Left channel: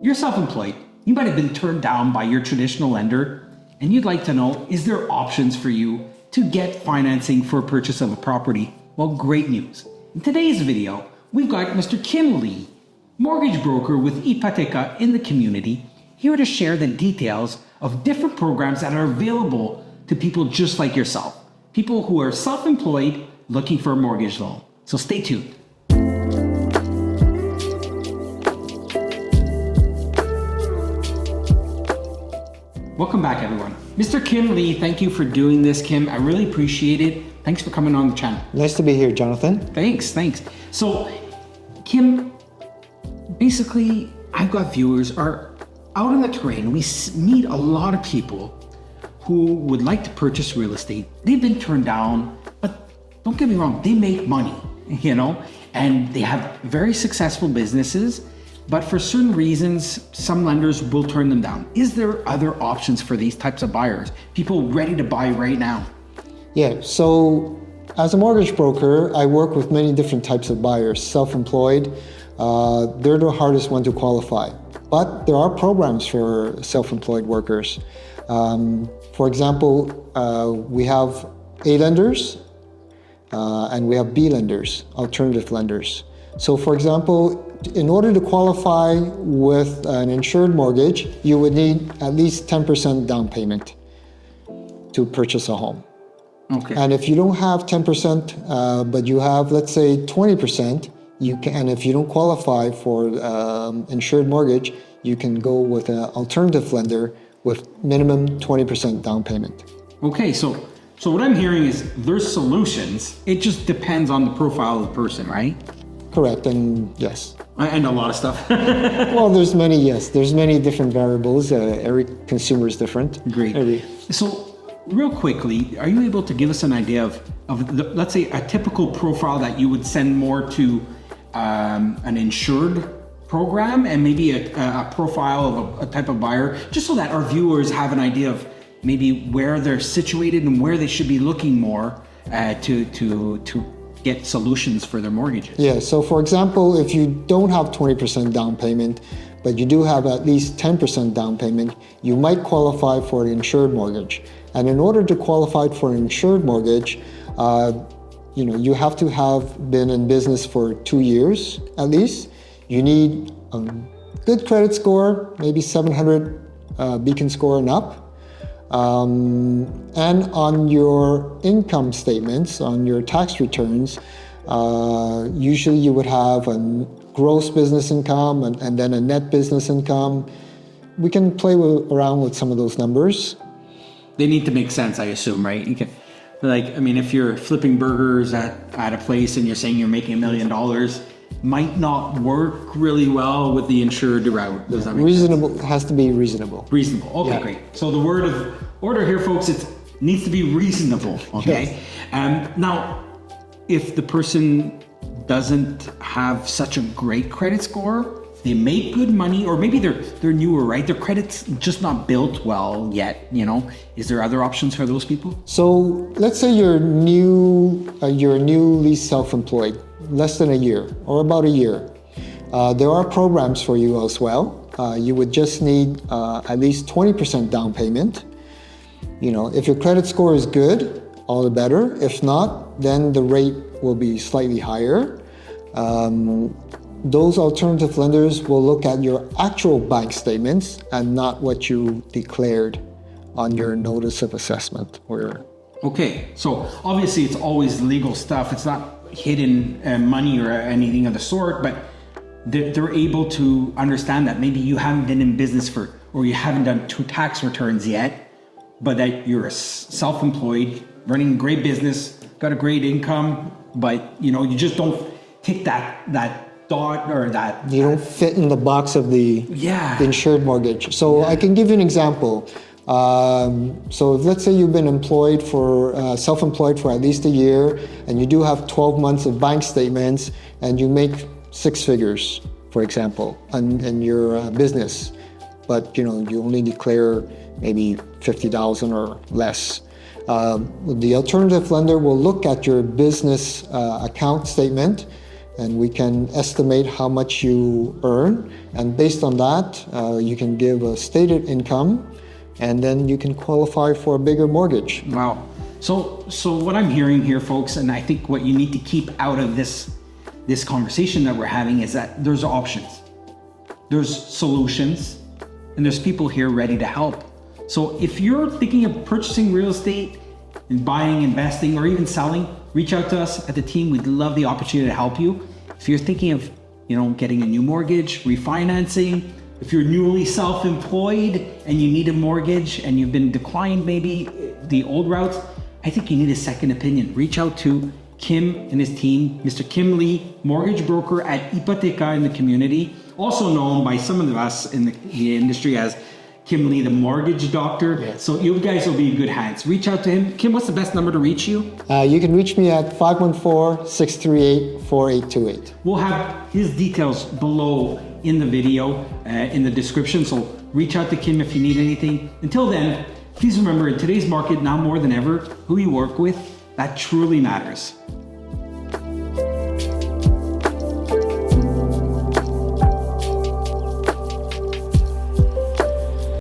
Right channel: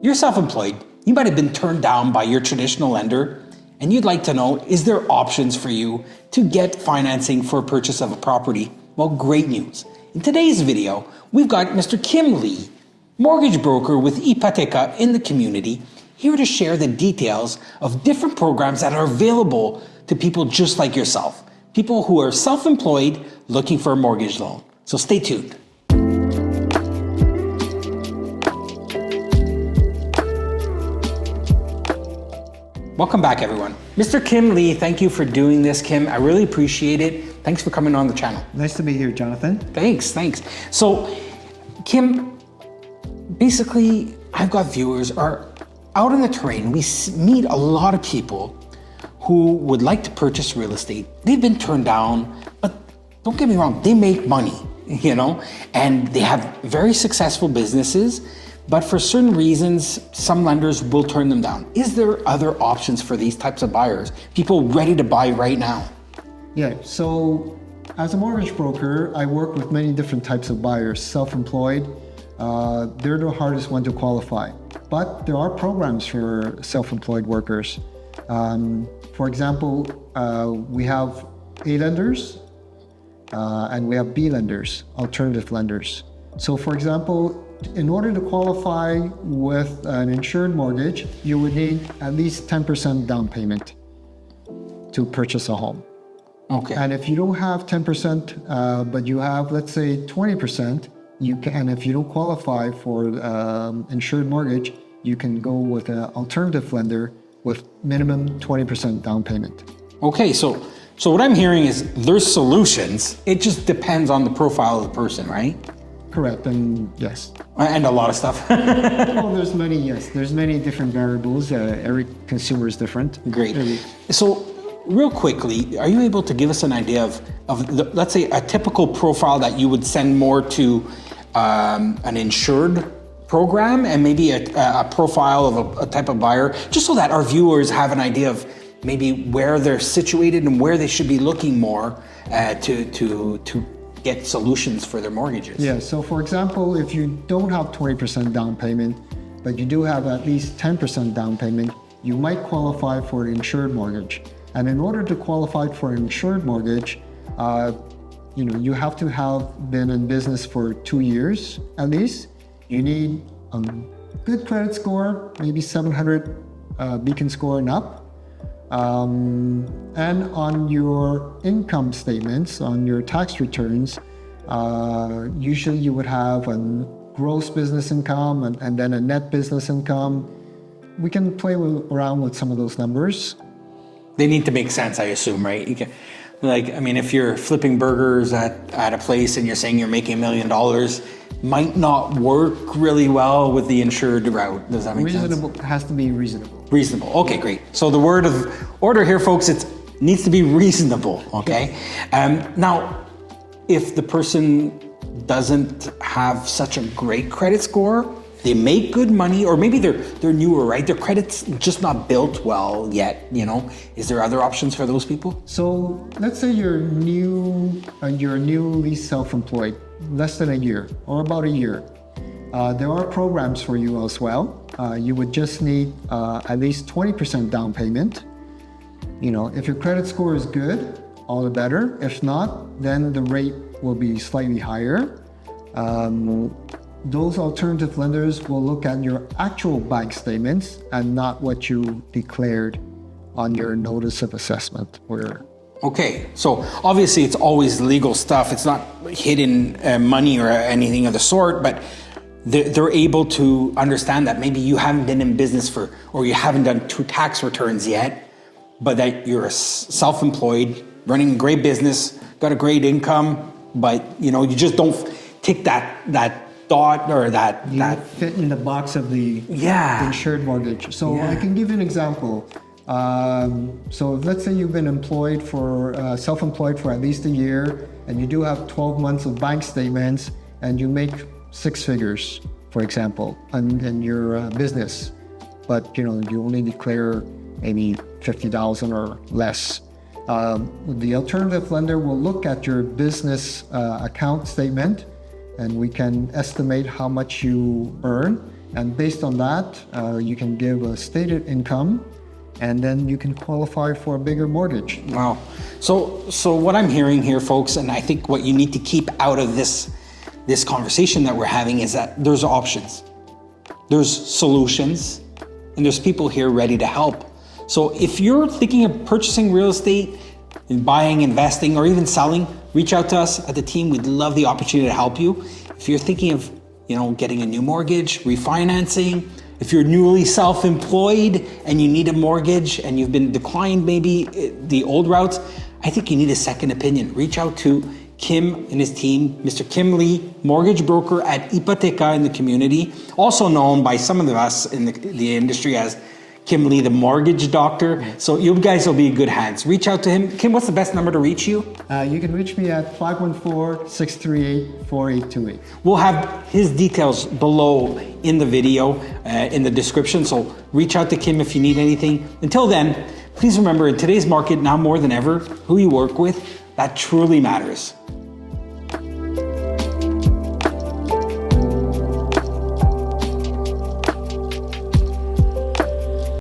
You're self-employed. You might have been turned down by your traditional lender, and you'd like to know, is there options for you to get financing for purchase of a property? Well, great news. In today's video, we've got Mr. Kim Lee, mortgage broker with Ipoteka in the community, here to share the details of different programs that are available to people just like yourself, people who are self-employed looking for a mortgage loan. So stay tuned. Welcome back, everyone. Mr. Kim Lee, thank you for doing this, Kim. I really appreciate it. Thanks for coming on the channel. Nice to be here, Jonathan. Thanks. So, Kim, basically, I've got viewers are out on the terrain. We meet a lot of people who would like to purchase real estate. They've been turned down, but don't get me wrong, they make money, and they have very successful businesses. But for certain reasons, some lenders will turn them down. Is there other options for these types of buyers? People ready to buy right now? Yeah, so as a mortgage broker, I work with many different types of buyers. Self-employed, they're the hardest one to qualify. But there are programs for self-employed workers. For example, we have A lenders and we have B lenders, alternative lenders. So for example, in order to qualify with an insured mortgage, you would need at least 10% down payment to purchase a home. Okay. And if you don't have 10%, but you have, let's say, 20%, you can, and if you don't qualify for insured mortgage, you can go with an alternative lender with minimum 20% down payment. Okay, so what I'm hearing is there's solutions. It just depends on the profile of the person, right? Correct, and yes. And a lot of stuff. Well, there's many different variables. Every consumer is different. Great. So real quickly, are you able to give us an idea of let's say, a typical profile that you would send more to an insured program and maybe a profile of a type of buyer, just so that our viewers have an idea of maybe where they're situated and where they should be looking more to get solutions for their mortgages? Yeah, so for example, if you don't have 20% down payment, but you do have at least 10% down payment, you might qualify for an insured mortgage. And in order to qualify for an insured mortgage, you have to have been in business for 2 years at least. You need a good credit score, maybe 700 beacon score and up. And on your income statements, on your tax returns, usually you would have a gross business income and then a net business income. We can play around with some of those numbers. They need to make sense, I assume, right? You can, if you're flipping burgers at a place and you're saying you're making $1 million, might not work really well with the insured route. Does that make sense? Reasonable, has to be reasonable. Reasonable, okay, yeah. Great. So the word of order here, folks, it needs to be reasonable, okay? Yes. Now, if the person doesn't have such a great credit score, they make good money, or maybe they're newer, right? Their credit's just not built well yet, Is there other options for those people? So let's say you're newly self-employed, less than a year or about a year. There are programs for you as well. You would just need at least 20% down payment. If your credit score is good, all the better. If not, then the rate will be slightly higher. Those alternative lenders will look at your actual bank statements and not what you declared on your notice of assessment. Okay, so obviously it's always legal stuff. It's not hidden money or anything of the sort, but they're able to understand that maybe you haven't been in business or you haven't done 2 tax returns yet, but that you're self-employed, running a great business, got a great income, but you just don't tick that thought or that you don't fit in the box of the insured mortgage. So I can give you an example. So let's say you've been self-employed for at least a year, and you do have 12 months of bank statements, and you make 6 figures, for example, in your business, but you only declare maybe $50,000 or less. The alternative lender will look at your business account statement and we can estimate how much you earn. And based on that, you can give a stated income, and then you can qualify for a bigger mortgage. Wow. So what I'm hearing here, folks, and I think what you need to keep out of this conversation that we're having is that there's options, there's solutions, and there's people here ready to help. So if you're thinking of purchasing real estate and buying, investing, or even selling, reach out to us at the team. We'd love the opportunity to help you. If you're thinking of, getting a new mortgage, refinancing, if you're newly self-employed and you need a mortgage and you've been declined maybe the old routes, I think you need a second opinion. Reach out to Kim and his team, Mr. Kim Lee, mortgage broker at Hypotheca in the community, also known by some of us in the industry as Kim Lee, the mortgage doctor. So you guys will be in good hands. Reach out to him. Kim, what's the best number to reach you? You can reach me at 514-638-4828. We'll have his details below in the video, in the description. So reach out to Kim if you need anything. Until then, please remember, in today's market, now more than ever, who you work with, that truly matters.